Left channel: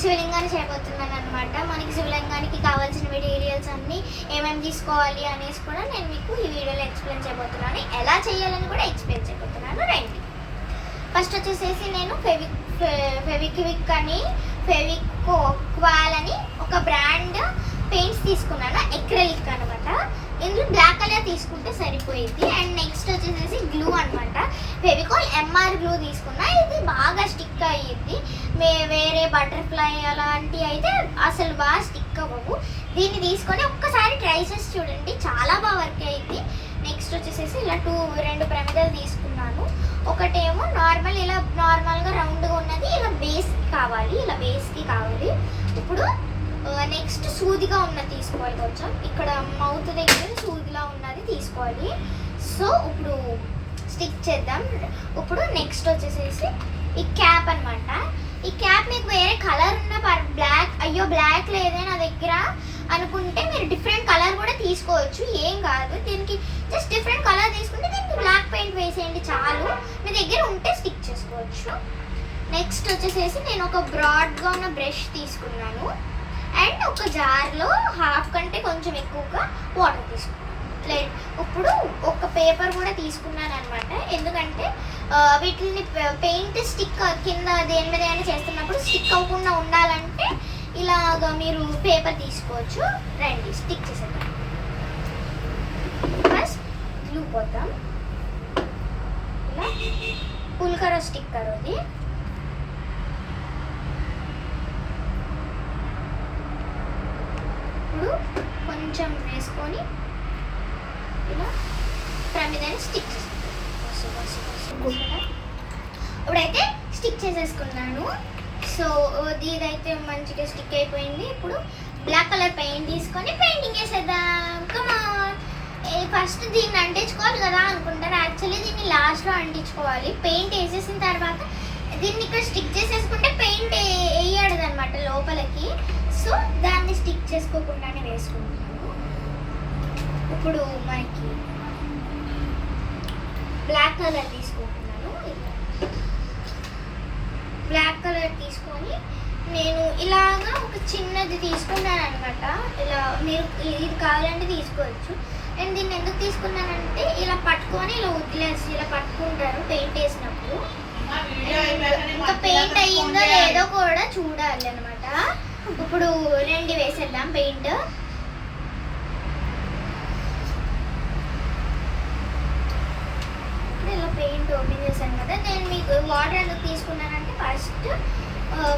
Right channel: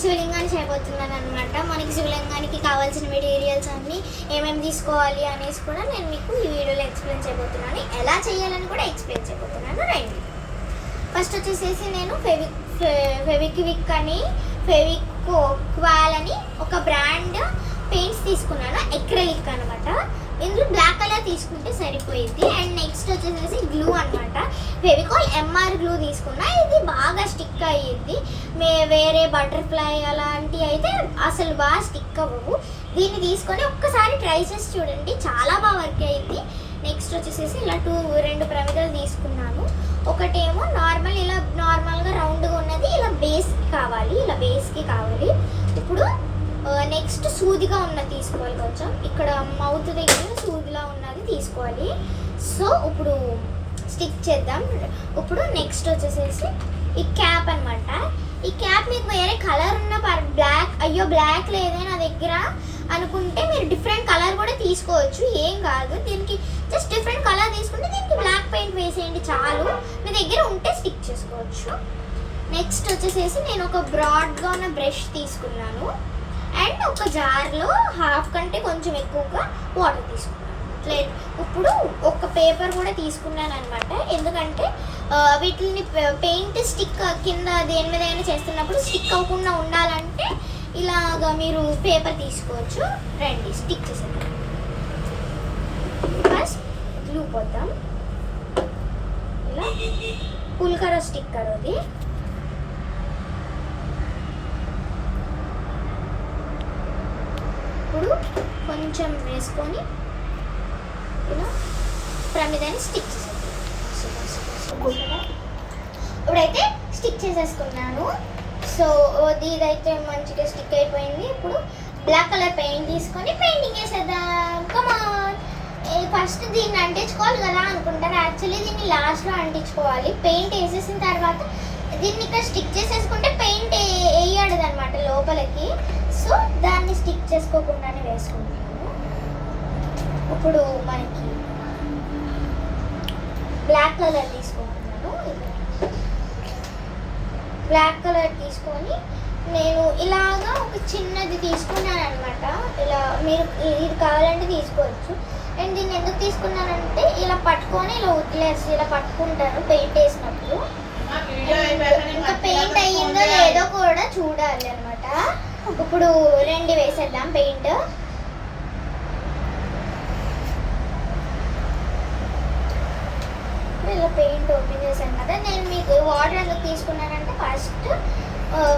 శివలింగాన్ని చేయబోతున్నాను అనమాట. మనకి శివలింగానికి కావాల్సిన మెటీరియల్స్ అన్నీ ఏమేమి తీసుకోవాలి అనేసి కూడా నేను మీకు ఈ వీడియోలో ఎక్స్ప్లెయిన్ చేయబోతున్నాను. ఎలా చేయాలని కూడా ఎక్స్ప్లెయిన్ చేయబోతున్నాను. రండి. ఫస్ట్ వచ్చేసేసి నేను ఫెవిక్విక్ అని ఫెవిక్వాల్ అని ఒక బ్రాండ్ పెయింట్స్ తీసుకున్నాను. ఎక్రిలిక్ అనమాట. ఇందులో బ్లాక్ కలర్ తీసుకుంటే సరిపోయింది. అండ్ నెక్స్ట్ వచ్చేసేసి గ్లూ అనమాట. ఫెవికాల్ ఎంఆర్ గ్లూ తీసుకున్నా. ఇది బాగా స్టిక్ అయ్యింది. వేరే బటర్ఫ్లై అలాంటివి అయితే అసలు బాగా స్టిక్ అవ్వవు. దీన్ని తీసుకొని ఒక్కసారి ట్రై చేసి చూడండి, చాలా బాగా వర్క్ అయ్యింది. నెక్స్ట్ వచ్చేసేసి ఇలా రెండు ప్రమిదలు తీసుకున్నాను. ఒకటేమో ఇలా నార్మల్గా రౌండ్గా ఉన్నది, ఇలా బేస్కి కావాలి. ఇప్పుడు నెక్స్ట్ సూదిగా ఉన్నది తీసుకోవాలి. కొంచెం ఇక్కడ మౌత్ దగ్గర సూదిలా ఉన్నది తీసుకోవాలి. సో ఇప్పుడు స్టిక్ చేద్దాం. ఇప్పుడు నెక్స్ట్ వచ్చేసేసి ఈ క్యాప్ అనమాట. ఈ క్యాప్ మీకు వేరే కలర్ ఉన్న బ్లాక్ లేదే నా దగ్గర అనుకుంటే మీరు డిఫరెంట్ కలర్ కూడా తీసుకోవచ్చు, ఏం కాదు. దీనికి జస్ట్ డిఫరెంట్ కలర్ తీసుకుంటే దీనికి బ్లాక్ పెయింట్ వేసేయండి చాలు. మీ దగ్గర ఉంటే స్టిక్ చేసుకోవచ్చు. నెక్స్ట్ వచ్చేసేసి నేను ఒక బ్రాడ్గా ఉన్న బ్రష్ తీసుకున్నాను. అండ్ ఒక జార్లో హాఫ్ కంటే కొంచెం ఎక్కువగా వాటర్ తీసుకున్నాను. ఇప్పుడు ఒక పేపర్ కూడా తీసుకున్నాను అనమాట. ఎందుకంటే వీటిని పెయింట్ స్టిక్ కింద దేని మీద అయినా చేస్తున్నప్పుడు స్టిక్ అవ్వకుండా ఉండాలంటే ఇలాగా మీరు పేపర్ తీసుకోవచ్చు. రండి స్టిక్ చేసేద్దాం. ఫస్ట్ గ్లూ పోతాం. ఇలా పుల్కరో స్టిక్కర్ అది. ఇప్పుడు కొంచెం వేసుకొని ఇలా ప్రమిదని స్టిక్ చేసేద్దాం. ఇప్పుడైతే స్టిక్ చేసేసుకున్నాను. సో ఇదైతే మంచిగా స్టిక్ అయిపోయింది. ఇప్పుడు బ్లాక్ కలర్ పెయింట్ తీసుకొని పెయింటింగ్ వేసేద్దాం. కమాన్. ఫస్ట్ దీన్ని అంటించుకోవాలి కదా అనుకుంటారు. యాక్చువల్లీ దీన్ని లాస్ట్లో అంటించుకోవాలి. పెయింట్ వేసేసిన తర్వాత దీన్ని ఇక్కడ స్టిక్ చేసేసుకుంటే పెయింట్ వేయడదు అనమాట లోపలికి. సో దాన్ని స్టిక్ చేసుకోకుండానే వేసుకుంటున్నాను. ఇప్పుడు మనకి బ్లాక్ కలర్ తీసుకుంటున్నాను. బ్లాక్ కలర్ తీసుకొని నేను ఇలాగా ఒక చిన్నది తీసుకున్నాను అనమాట. ఇలా మీరు ఇది కావాలంటే తీసుకోవచ్చు. అండ్ దీన్ని ఎందుకు తీసుకున్నానంటే ఇలా పట్టుకొని ఇలా వదిలేసి ఇలా పట్టుకుంటారు పెయింట్ వేసినప్పుడు. ఇంకా పెయింట్ అయ్యిందో లేదో కూడా చూడాలి అనమాట. ఇప్పుడు రెండు వేసేద్దాం పెయింట్. ఇలా పెయింట్ ఓపెన్ చేశాను కదా. నేను మీకు వాటర్ ఎందుకు తీసుకున్నానంటే ఫస్ట్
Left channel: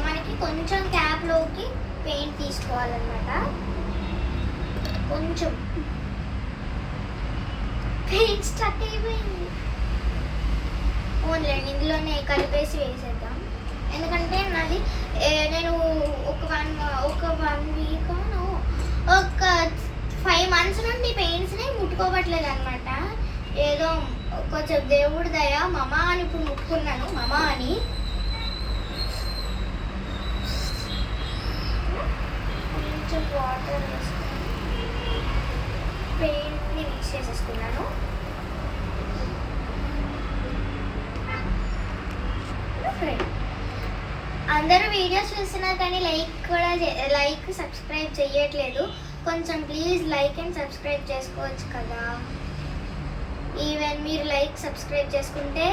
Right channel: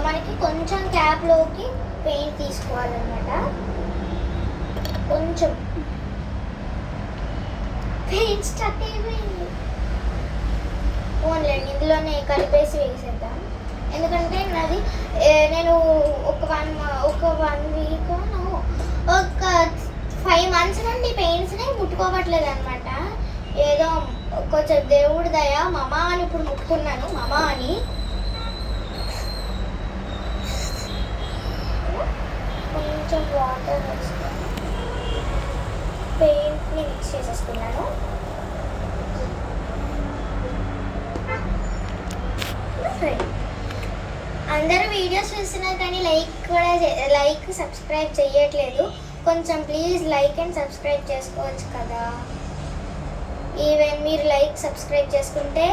మనకి కొంచెం క్యాప్లోకి పెయింట్ తీసుకోవాలన్నమాట. కొంచెం పెయింట్ స్టక్ అయిపోయింది. ఓన్లీ ఇందులోనే కలిపేసి వేసేద్దాం. ఎందుకంటే నాది నేను ఒక వన్ వీక్ ఒక 5 months నుండి పెయింట్స్ని ముట్టుకోవట్లేదు అనమాట. ఏదో కొంచెం దేవుడి దయ మమా అని ఇప్పుడు ముట్టుకున్నాను. మమా అని కొంచెం వాటర్ వేసుకొని పెయింట్ని మిక్స్ చేసేసుకున్నాను. అందరూ వీడియోస్ చూస్తున్నా కానీ లైక్ సబ్స్క్రైబ్ చేయట్లేదు. కొంచెం ప్లీజ్ లైక్ అండ్ సబ్స్క్రైబ్ చేసుకోవచ్చు కదా. ఈవెన్ మీరు లైక్ సబ్స్క్రైబ్ చేసుకుంటే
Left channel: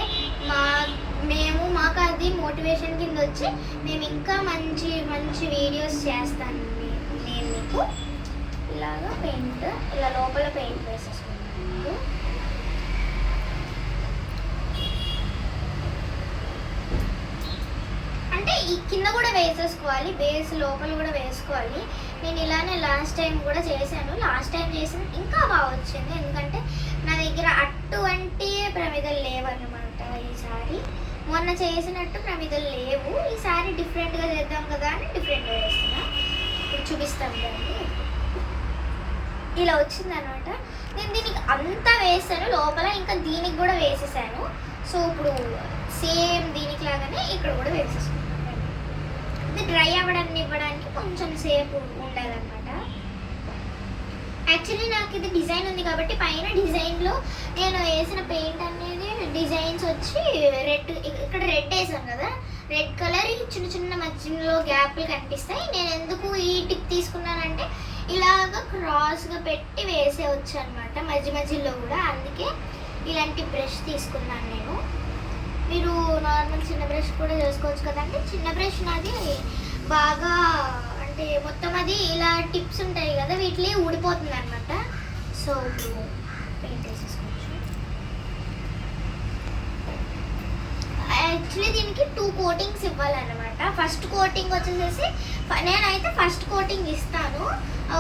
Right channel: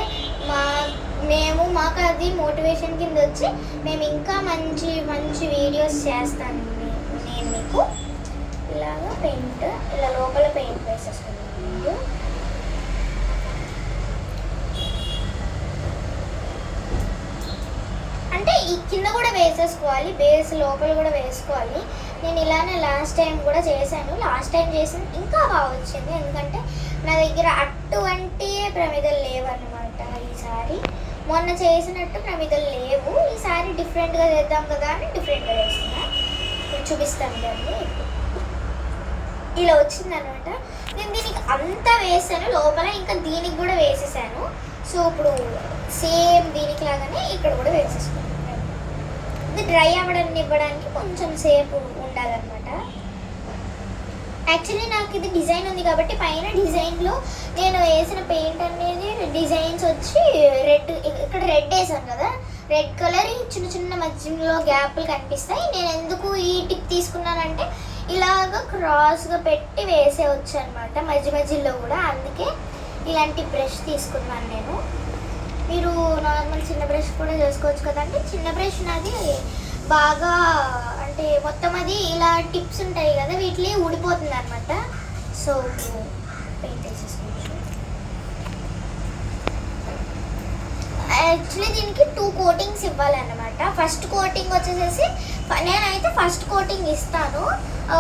మాకు అది మోటివేషన్ కింద వచ్చి మేము ఇంకా మంచి మంచి వీడియోస్ చేస్తాను. నేను మీకు ఇలాగా పెయింట్ ఇలా లోపల పెయింట్ వేసేసుకున్నాను. అంటే ఈ కింద కూడా వేసేసుకోవాలి, బేస్ లోపల కూడా వేసుకోవాలి. నేను ఇలానే లాస్ట్ టైం కూడా చేశాను. లాస్ట్ టైం చేసింది ఇంకా బాగా వచ్చింది. ఎందుకంటే నా దగ్గర అటువంటి ప్రమిదలు లేవన్నమాట. ఈసారి మొన్న చేసినట్టు ప్రమిదలు లేవు. ఈసారి డిఫరెంట్గా చేద్దాం కదా అని డిఫరెంట్గా చేస్తున్నా. ఇప్పుడు చూపిస్తాను దాన్ని. ఇలా వచ్చిందనమాట. నేను దీనికి అంతా వేసాను లోపల, ఇంకా దీనికి కూడా వేసేసాను. సో ఇప్పుడు సేమ్ దీనికి లాగానే ఇక్కడ కూడా వేసేసుకున్నాను. ఇది డ్రై ఇవ్వడానికి కొంచెం సేపు ఉండాలన్నమాట. యాక్చువల్లీ నాకు ఇది డిజైన్ ఉంది కాబట్టి పైన డిజైన్లో నేను వేసిన పెయింట్ అనేది డిజైన్స్ వచ్చి రెడ్, ఇక్కడ రెడ్ వేసాను కదా, రెడ్ కలర్ చిన్న చిన్న మధ్యలో గ్యాప్లు కనిపిస్తాయి. నేను ఎందుకు ఈ టిప్ తీసుకున్నానంటే ఇలాగ క్రాస్గా పెట్టి వేసేవచ్చు అనమాట మధ్య మధ్యలో కూడా. అందుకే ఇలాంటి బ్రష్ తీసుకున్నాను నేను. మీరు నార్మల్ చిన్న బ్రష్ కూడా చేసుకోవచ్చు కదండి. చిన్న బ్రష్ నాది బాగా అంటే మొత్తం అది ఇలా టిప్స్ ఉంటాయి కదా, వీటిని ఊడిపోతుంది అనమాట. సో పెయింట్ వేసేసుకోవచ్చు. యాక్చువల్లీ దీనికి 2 కోటింగ్స్ ఇవ్వాలన్నమాట. ఫస్ట్ కోటింగ్ వచ్చేసేసి నేనైతే ఫస్ట్ కోటింగ్ ఇస్తాను.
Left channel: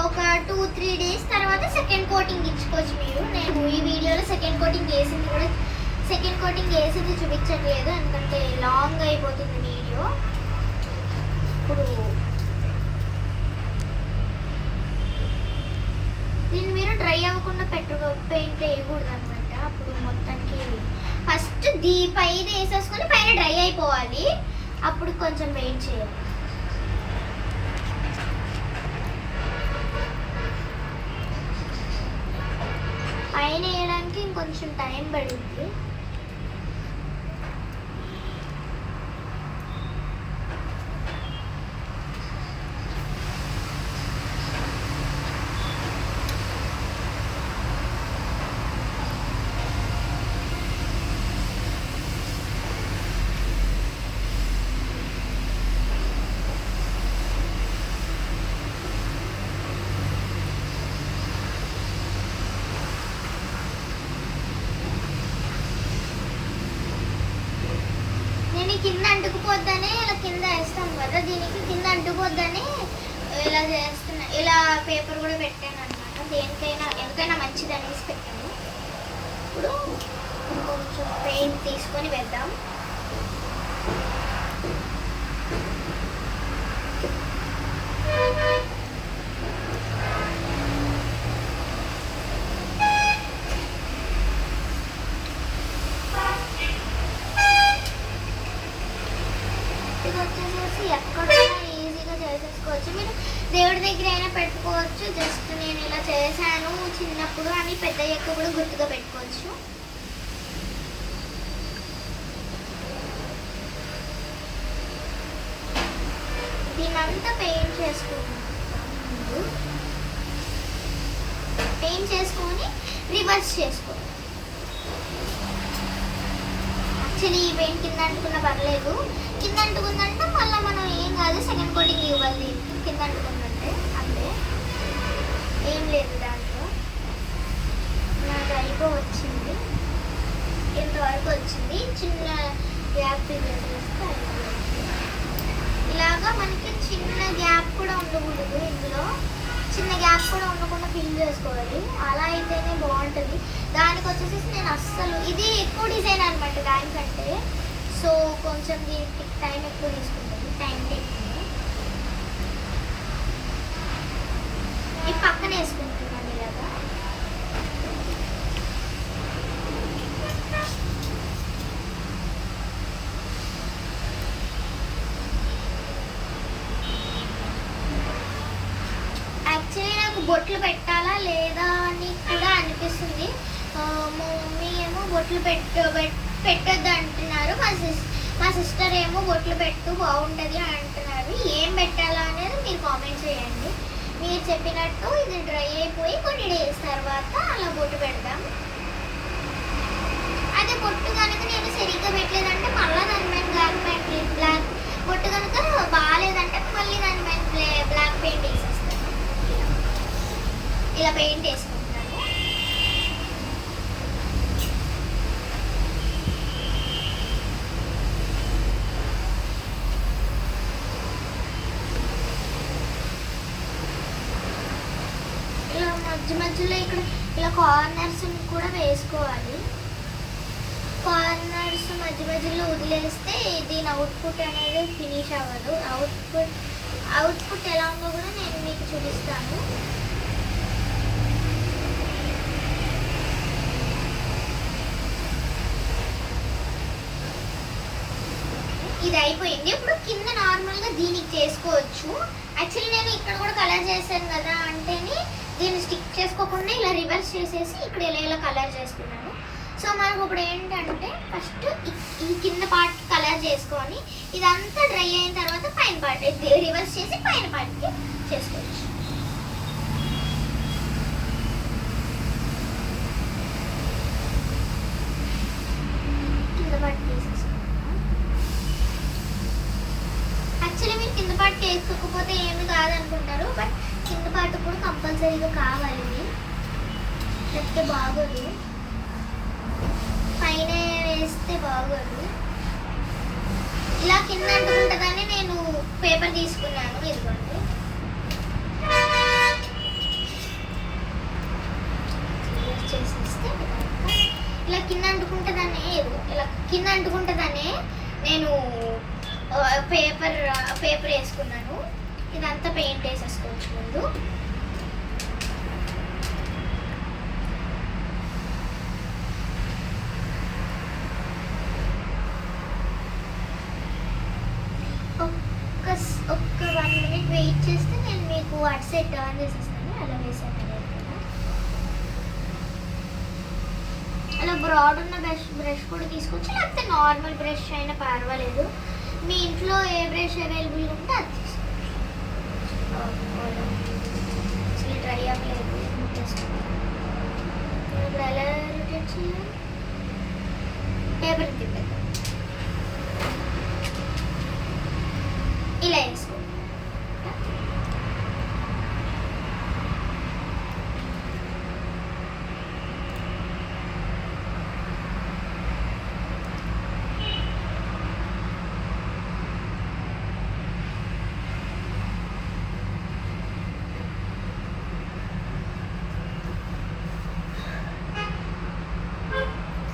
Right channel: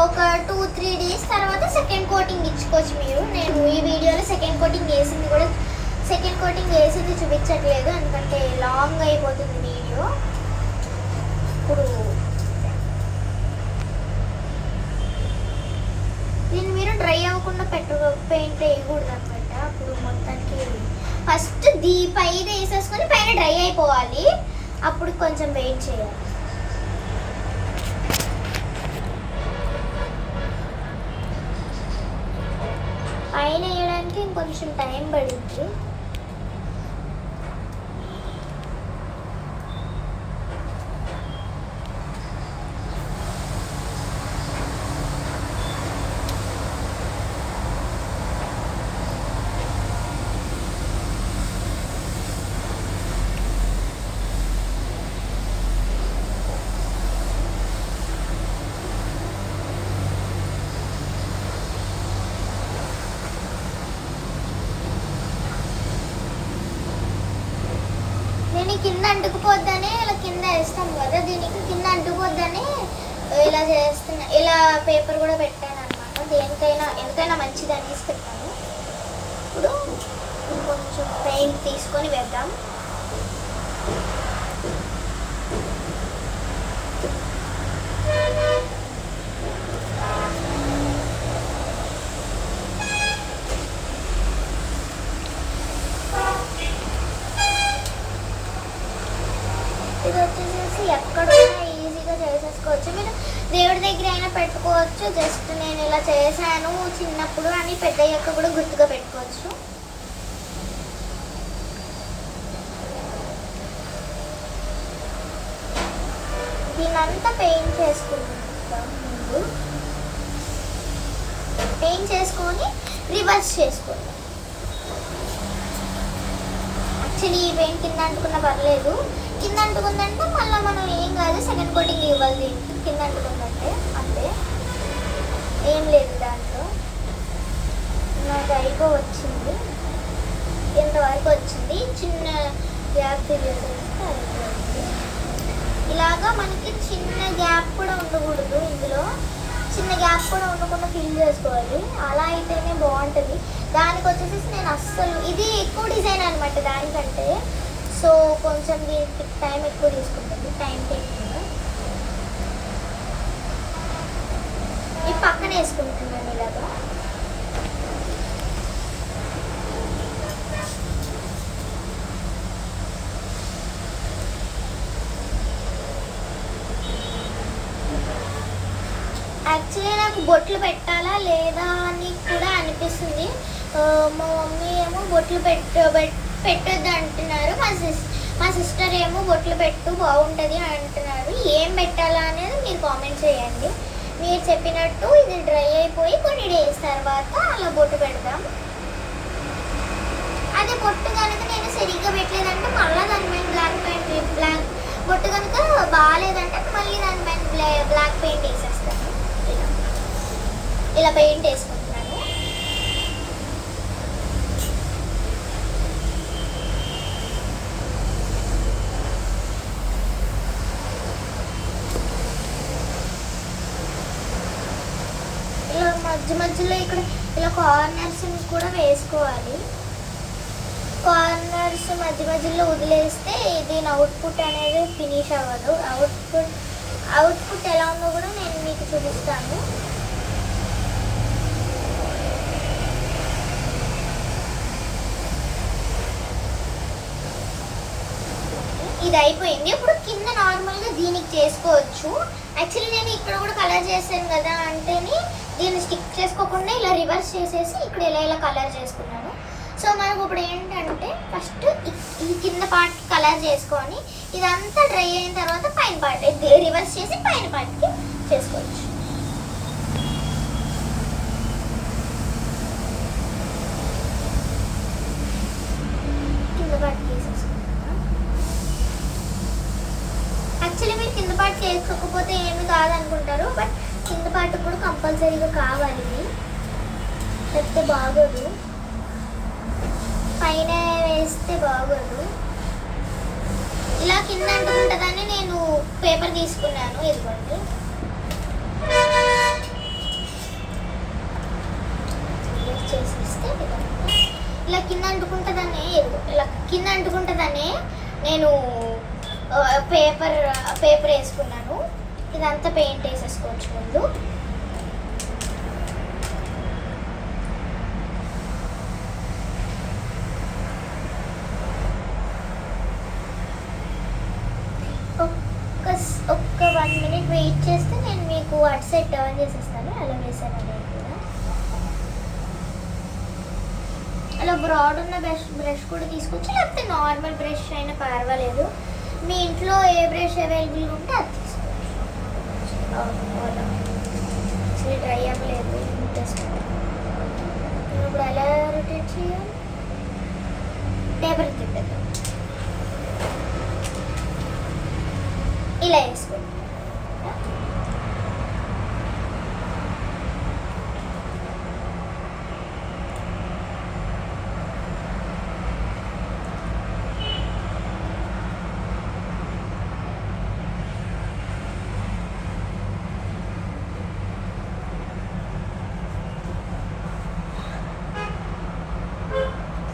ఒక 2-3 డేస్ తర్వాత సెకండ్ కోటింగ్ ఇచ్చుకోవచ్చు మీరు. నేను ఈ వీడియోలో సెకండ్ కోటింగ్ వేసింది చూపించట్లేదు, ఎందుకంటే లాంగ్ అయిపోతుంది వీడియో. ఇప్పుడు దీన్ని మీరు డ్రై అవ్వకుండా పెయింట్ వేయకూడదు అనమాట. అప్పుడు మొత్తానికి ఫస్ట్ పైన వేసేసుకొని పైన డ్రై అయిపోవాలి, అప్పుడు కొంచెం పెయింట్ చేయాలి. పైన వేయడానికి ఇంకొంచెం టైం పడుతుంది. కింద అంటుకుపోద్దని ఇలా కింద వేస్తాం కదా, దీనికి కింద అంటుకుపోద్దని ఇలా చేస్తున్నా. ఇలా పేపర్ కూడా పెట్టాను అనమాట. దేనికైనా ఎంతైనా మంచిది అనేసి పెట్టాను. ఇప్పుడు కొంచెం పెయింట్ తీసుకొని వేద్దాం. ఇది వచ్చేసేసి ఎక్కడున్నా ఈజీగా చేసేసుకోవచ్చు. మీరు దేవుడి దగ్గర అయినా పెట్టుకోవచ్చు. జస్ట్ నేను ఇలా చేశాను చిన్నప్పుడు అని పెద్దయ్యాక కూడా గుర్తుగా పెట్టుకోవచ్చు. దీనంతా పెయింట్ చేసుకుంటాం. ముందు పెయింట్ చేసుకొని రివర్స్ చేసుకోండి. యాక్చువల్లీ ఈ పెయింట్ కింద అంటుకున్న పర్లేదు, కింద అంటుకుందంటే మళ్ళీ మనం ఏం కాదు, సెకండ్ కోటింగ్ ఇవ్వాలి దీనికి. కింద అంటుకుందంటే అంతే, ఏం లేదు దాంట్లో. నాకు వచ్చింది, ఎంతవరకు వచ్చింది. చిన్న గ్యాప్ చేసేస్తే ఇలాగా మనకి చిన్న గ్యాప్ కూడా ఉండకూడదు. ఇందులో చిన్న గ్యాప్ కూడా ఉండకుండా ఫిల్ చేసుకోవాలి. అలా అయితేనే బాగుంటుంది. దానికి వచ్చేసి నేను అస్సలు ఇది ఎక్కువ డిజైన్ అనమాట దానికంటే. సో కొంచెం దీనికి టైం ఎక్కువ తీసుకుంటుంది, టైం టేకింగ్. ఈ పక్కన వేసుకుంటున్నాను ఇలాగా. యాక్చువల్లీ నాకు బొట్లు పెట్టాలా లేదా అని కూడా అనిపిస్తుంది. మా మమ్మీ ఏమో బొట్లు పెట్టొద్దు అంటున్నారు, మా సిస్టర్ ఏమో బొట్లు పెట్టు బాగుంటుంది అంటున్నారు. ఏం పెట్టాలా అనేది మీరు కామెంట్ చేయండి. మీరు చెప్పినట్టు ఇది డ్రై అయిపోయి కొన్ని డేస్ తర్వాత అలా బొట్టు పెడదాం. అదే బొట్టు కనుక నేను సరిగ్గా పెట్టలేదంటే మళ్ళీ దాని పైన బ్లాక్ బొట్టు కనుక బాగాలేదంటే మళ్ళీ దానిపైన బ్లాక్ పెయింట్ వేసేస్తాను. ఇలా పెయింట్ వేసుకుంటాను. ఇలా మధ్యలో ఇక్కడ ఇలా కార్నర్స్ కూడా వేసుకోవాలి. కార్నర్స్ మధ్యలో వదిలేస్తే దీని అవుట్పుట్ అనేది ఫినిష్ అవ్వదు. అవుట్పుట్ ఎలా ఉందో కూడా నేను మీకు చూపిస్తాను. ఇది అయిపోయింది. ఇప్పుడు కింద నార్మల్గా దీనికి చేసుకోవచ్చు. యాక్చువల్లీ నేను ఇక్కడ కూడా కలర్ చేశాను కదా అంటేనే దీన్ని స్టిక్ చేసుకోకుండా ఇలా రివర్స్ చేసేసి ఇక్కడ ఇలా కలర్ చేసుకున్నాను. సో మనకు ఇప్పుడు ఏంటంటే ఫస్ట్ ఈ కింద పార్ట్ కలర్ చేసుకొని ఇదంతా డ్రై అయిన తర్వాత పైన పార్ట్ రివర్స్ చేసి పైన పార్ట్కి చేసుకోవచ్చు. కింద పార్ట్ తీసేసుకుంటా. యాక్చువల్లీ మీరు కింద పార్ట్ చేసుకోకపోతే ఏమి కాదనుకుంటారు, బట్ కింద పార్ట్ కూడా కంపల్సరీగా కావాలి, లేకపోతే బాగోదు, పైన వేస్తే బాగోదు. ఇలా కింద అంటుకుంటుందని నేను పేపర్ తీసుకున్నాను, ఇదిగోండి. చేసేస్తే ఇలా కింద అంటుకుంటుందనే, ఇలా కింద అంటుకుంటుందనే నేను పేపర్ వేసుకున్నాను. ఇదంతా పెయింట్ వేసేసుకోవచ్చు ముందు. ఒక్క 1 minute వెయిట్ చేస్తే నేను మీకు అటు సైడ్ టర్న్ చేసేస్తాను. అలా వేసాను అనేది కూడా. అలా బ్రాడ్ ఉన్న బ్రష్ కూడా తీసుకోవచ్చు, లేకపోతే నార్మల్ బ్రష్ అయినా పర్వాలేదు. మీ ఇంట్లో ఏ బ్రష్ అవైలబుల్గా ఉంటే అది తీసుకోవచ్చు. డ్రై అవ్వలేదు, ఇప్పుడు ఎలా రొటేట్ చేయాలి? పేపర్ తిప్పేద్దాం, ఇలా వేసుకోండి.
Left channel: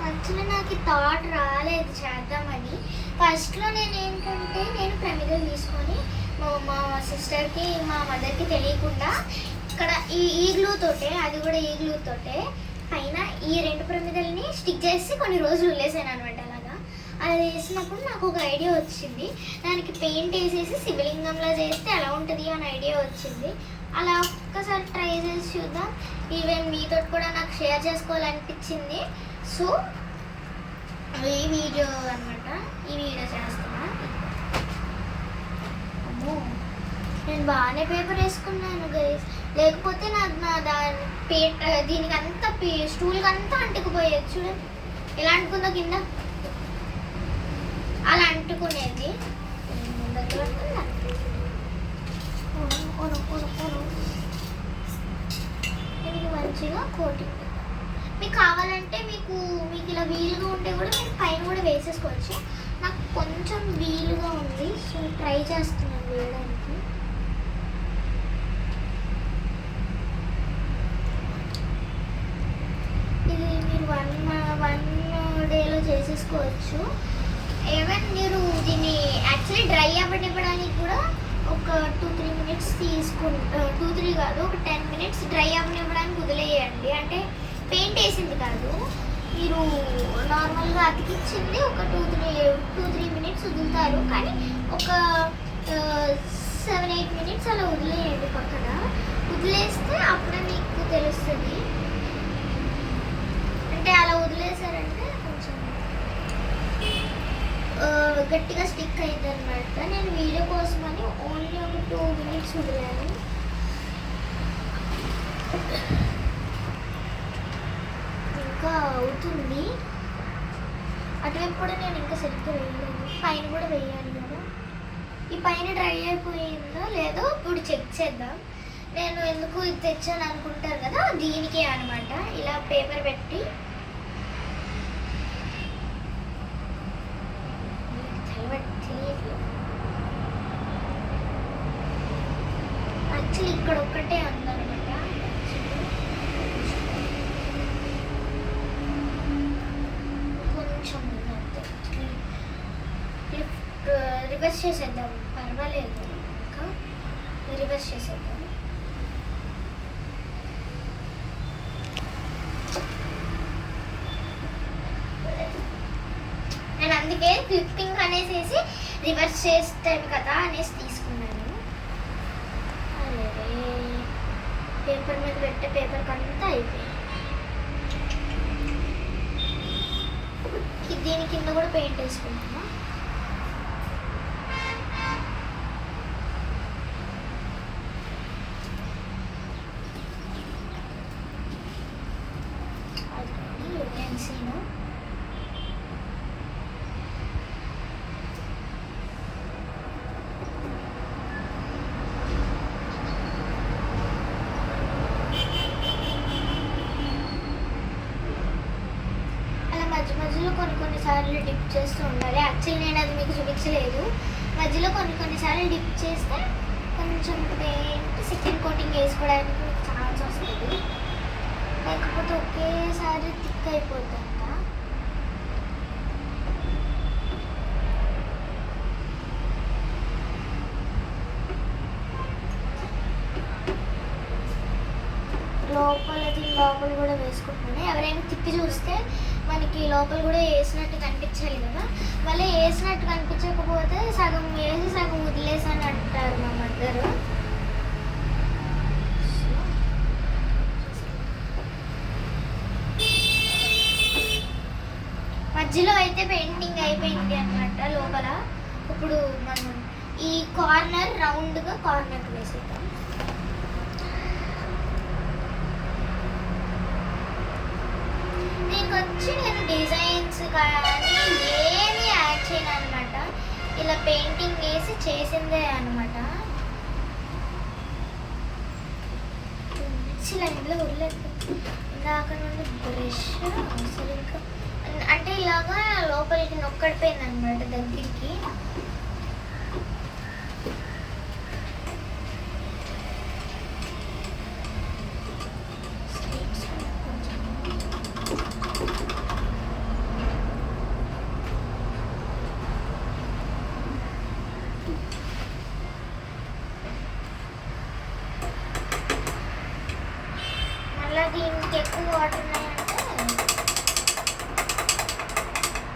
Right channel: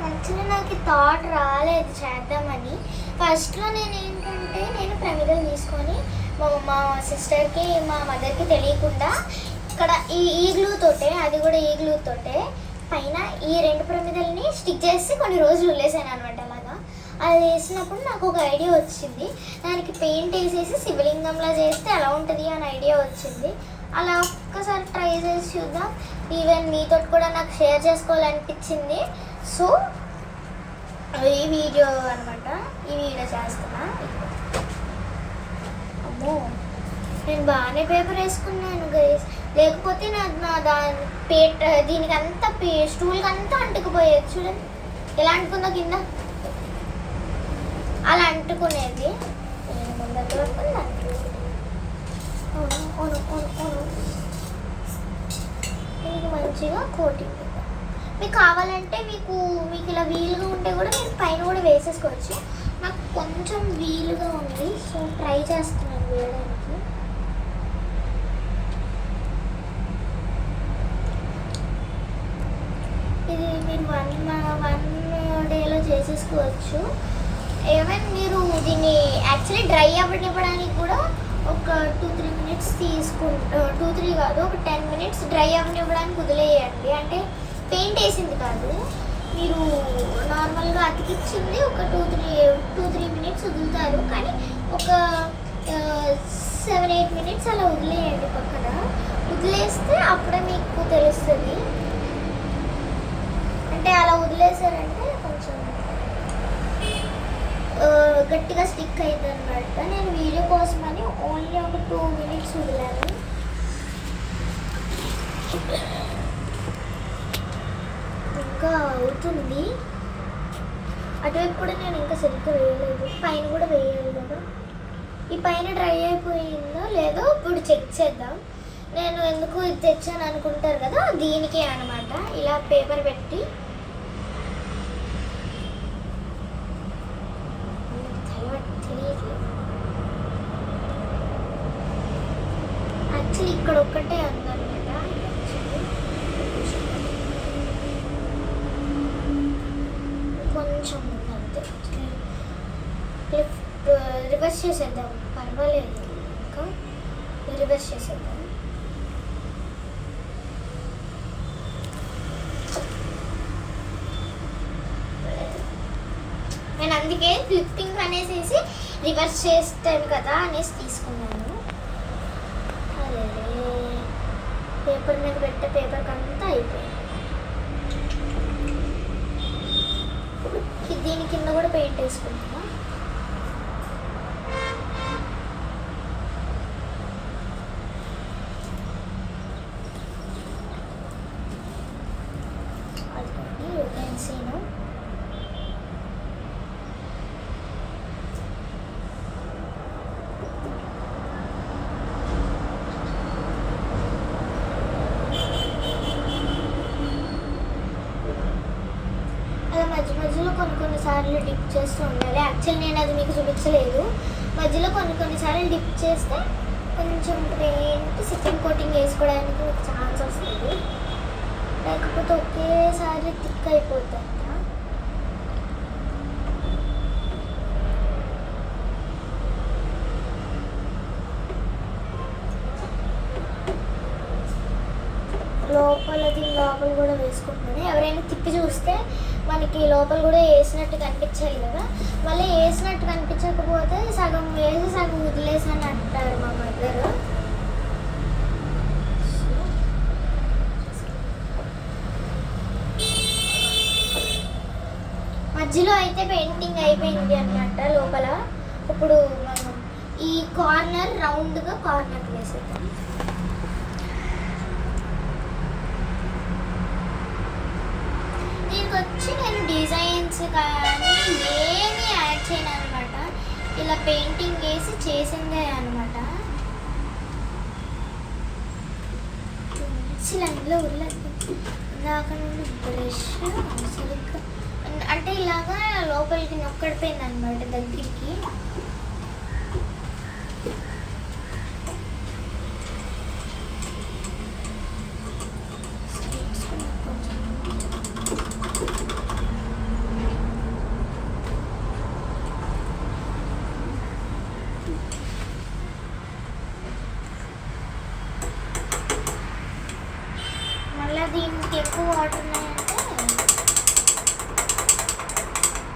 యాక్చువల్లీ నాకు థాట్ రాలేదు చేద్దామని. ఫస్ట్లో నేను ఏంటంటే నేను ప్రమిదలు తీసుకొని మా సిస్టర్కి మా మదర్కి తెలియకుండా ఇక్కడ ఈ గ్లూతోటే, అది కూడా ఈ గ్లూతోటే పైన ఈ 2 ప్రమిదల్ని స్టిక్ చేసి కొన్ని రోజులు వదిలేసాను అనమాట. అలాగా అది వేసినప్పుడు నాకు ఒక ఐడియా వచ్చింది. దానికి పెయింట్ వేసేసి శివలింగంలా చేస్తే ఎలా ఉంటుంది అని ఐడియా వచ్చింది. అలా ఒక్కసారి ట్రై చేసి చూద్దాం. ఈవెన్ మీతో కూడా నాకు షేర్ చేసుకోవాలనిపించింది. సో ఈ వీడియో అనమాట, ఈ వీడియో చేస్తున్నా. అమ్మో, నేను బాగానే పేపర్ వేసుకున్నాను గైస్, లేకపోతే దీనికి అంతా స్టూల్కి అంతా అంటుకుపోయేది. చూడండి ఎలా అంటుకుందో కింద, అలా అంటుకునేది. ముందర దీనికి మంచిగా కోటింగ్. మీకు కావాలంటే మీకు ఇలా వీలుగా ఉంటే కూడా మీరు పైన కూడా వేసేసుకోవచ్చు. నాకు కొంచెం వీలుగా ఉంది, సో ట్రై చేస్తున్నాను వేయడానికి. ఇది మీరు వన్ డేలో చేసేసుకోవచ్చు. ఏమైనా మీరు దీన్ని యాక్చువల్లీ డ్రై అవ్వనివ్వడానికి కూడా ఒక 2-3 minutes 2-3 కాదు, ఒక 10 minutes డ్రై అవ్వనివ్వడానికి వదిలేయండి. అంటే పెయింట్ వేసింది కాదు, మీరు నార్మల్గా అతికిచ్చింది ఒక 2-3 minutes వదులుతారు. కానీ ఒక 7-8 minutes అలా వదిలేయండి పక్కన. వదిలేస్తే అప్పుడే మీకు తెలుస్తుంది. అంటే అలా వదిలేసారంటే కొంచెం గట్టిగా స్టిక్ అవుతుంది అన్నమాట. నేను వీడియో కోసమని ఓన్లీ ఒక 2 minutes వదిలాను. ఇంకా అవుతుంది. అటువైపు కూడా నేను ఇంకా సరిగ్గా వేయలేదు, పైన కూడా వేయాలి కదా. ఈ పైన డ్రై అయిపోయిందో లేదో ఇప్పుడు చెక్ చేద్దాం. నేను ఎందుకు ఇది తెచ్చాను అనుకుంటారు కదా, దీనికి అనమాట. ఇలా పేపర్ పెట్టి యాక్చువల్లీ ఇక్కడ ఒక్కటే ఉందన్నమాట. కొంచెం ఉందంతే. రివర్స్ చేసేద్దాం, పర్వాలేదు. ఇంకా రివర్స్ చేసేద్దాం. నేను అందుకే క్లిప్పింగ్ అనేసి రివర్స్ చేస్తాను కదా అనేసి తీసుకున్నాను. అదే పేపర్ మీద పెట్టే పేపర్ అంతా అయిపోయింది. దీని కింద కూడా పెయింట్ వేసుకుంటున్నా. అది పెన్సిల్ మధ్యలో కొన్నిసార్లు డిప్ చేస్తూ ఉండాలి. యాక్చువల్లీ నేను అది మీకు చూపించలేదు. మధ్యలో కొన్నిసార్లు డిప్ చేస్తే కొంచెం పెయింట్ సెకండ్ కోటింగ్ వేసుకోవడానికి మీకు ఛాన్స్ వస్తుంది, లేకపోతే ఒకేసారి థిక్ అయిపోతుందా. లోపల కూడా వేసుకుంటున్నాను. ఎవరైనా తిప్పి చూస్తే మనకి లోపల కూడా వేసినట్టు కనిపించాలి కదా. మళ్ళీ వేసినట్టు కనిపించకపోతే సగం వేసి సగం వదిలేసి అని అంటారు మా మదర్. మధ్యలో అయితే పెయింటింగ్ అయిపోయింది అన్నమాట లోపల. ఇప్పుడు మనం ఈ కార్నర్ రౌండ్గా కార్నర్ వేసేద్దాం. వచ్చి నేను డిజైన్స్ కానీ ఏమీ యాడ్ చేయను అనమాట. ఇలా పెయింటింగ్ వేసి చేసిందే అనమాట. ఇంట్లో ఇందాక నుండి బ్రష్ సరిగ్గా అంటే ఇలాగా లోపలికి నొక్కడిపోయింది అనమాట దగ్గరికి. దీనికి ఎక్కువ వాటర్ ఉన్నాయంటే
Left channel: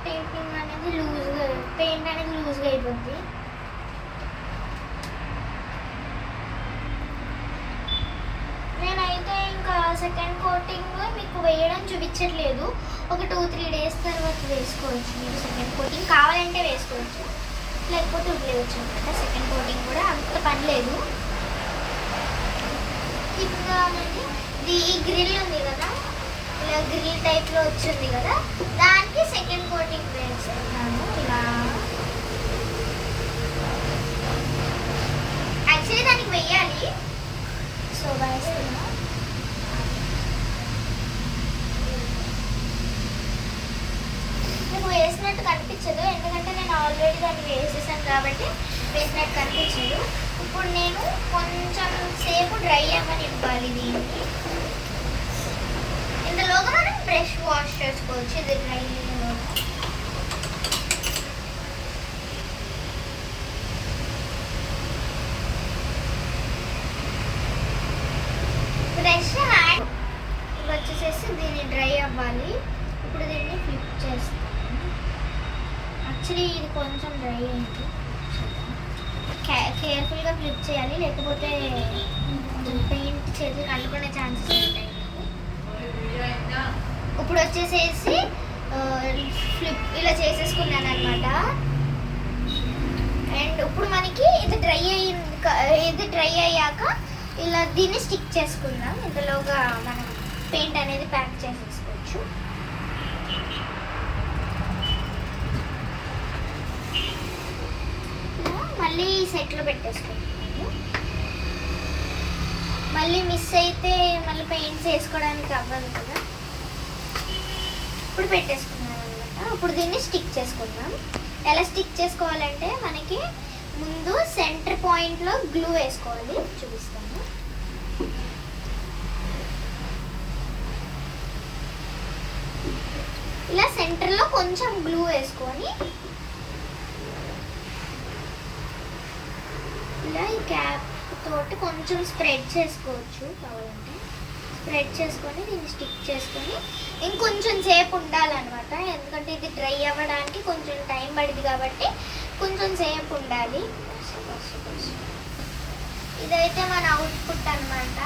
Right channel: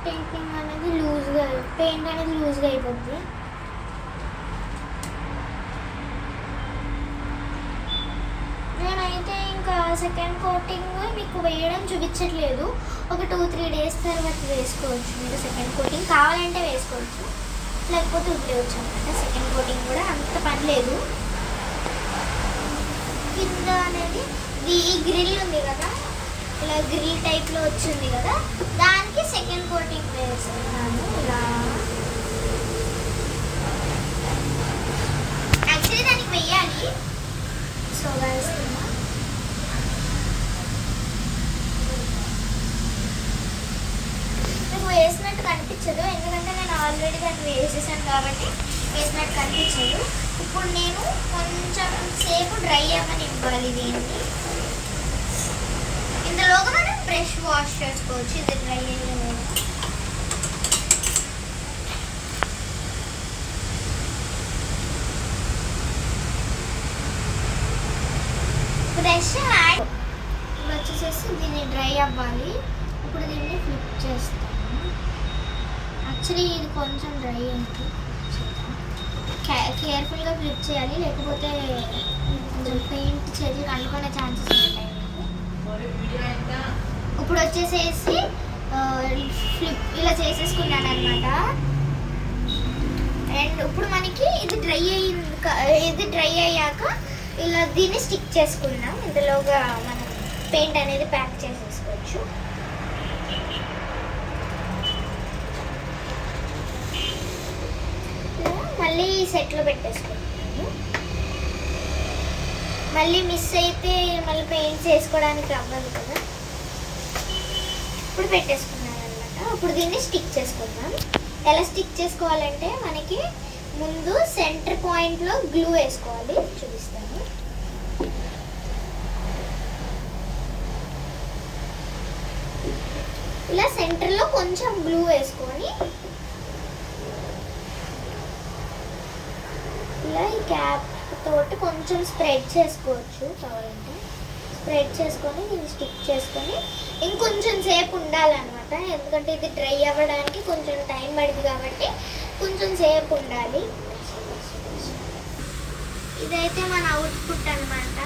పెయింటింగ్ అనేది పెయింట్ అనేది లూజ్గా అయిపోద్ది. నేనైతే ఇంకా సెకండ్ కోటింగ్ మీకు వేయడం చూపించట్లేదు. ఒక 2-3 days తర్వాత వేసుకోవచ్చు. మీరు సెకండ్ కోటింగ్ కావాలంటే వేసుకోవచ్చు, లేకపోతే వదిలేయచ్చు అనమాట. సెకండ్ కోటింగ్ కూడా అంత పని లేదు. కింద అనేది ఈ గ్రిల్ ఉంది కదా, ఇలా గ్రిల్ టైప్లో వచ్చింది కదా, దానికి సెకండ్ కోటింగ్ వేస్తున్నాను. ఇలా యాక్చువల్లీ దానికి వెయ్యాలి, సో వేస్తున్నా. నాకు వేసినట్టు కనిపించదు, ఎందుకంటే నేను ఆల్రెడీ దాన్ని వేసేసాను కాబట్టి వేసినట్టు కనిపించదు. ఇప్పుడు నేను కొంచెం సేపు డ్రై అవ్వని ఇవ్వాలి దీన్ని. ఇందులోగా మనం బ్రష్ వాష్ చేసుకోవచ్చు. ఇది డ్రై అయ్యేలోగా బ్రష్ హ్యాండ్ వచ్చేసేసి దీన్ని డ్రై అవ్వాలి. ఇప్పుడు దీన్ని ఫ్లిప్ చేస్తాను. యాక్చువల్లీ ఇది కొంచెం డ్రై అయింది, కేర్ఫుల్గా ఫ్లిప్ చేయాలి, లేకపోతే పెయింట్ చేతులు కలుపుకునే ఛాన్సెస్ ఉంటాయి. ఇప్పుడు వచ్చేసేసి ఫ్లిప్ ఇలా చేసేసుకున్నాను అనమాట. అండ్ ఇప్పుడు మనకి ఇది డ్రై అయ్యాక ఇలా దీన్ని స్టిక్ చేసుకుందాం. ఇందులోగా మనం పెయింట్ అనేది ప్యాక్ చేసేసుకోవచ్చు. మళ్ళీ సెట్లో పెట్టేసుకుంటాను. మళ్ళీ మిస్ అయితే మళ్ళీ పెయింట్ చేసుకోవడానికి అవ్వదు కదా. ఇప్పుడు పెట్టేసుకున్నాను అనమాట. ఇప్పుడు దీన్ని స్టిక్ చేసుకుందాం. ఎలా స్టిక్ చేసుకోవాలంటే మనకి ముందు సెంటర్ పాయింట్లో గ్లూ వేసుకోవాలి, చూపిస్తాను. ఇలా సెంటర్లో కొంచెం గ్లూ వేసుకొని ఇలా ఈ క్యాప్ తోటి కొంచెం స్ప్రెడ్ చేసుకోవచ్చు. కావాలంటే స్ప్రెడ్ చేసుకొని దీన్ని స్టిక్ చేసుకొని ఇంకొంచెం సేపు ఉండాలన్నమాట. ఎందుకంటే ఇది డ్రై అవ్వడానికి కొంచెం టైం పడింది కాబట్టి కొంచెం సేపు ఉండాలి. ఇదైతే మన అవుట్పుట్ అన్నమాట.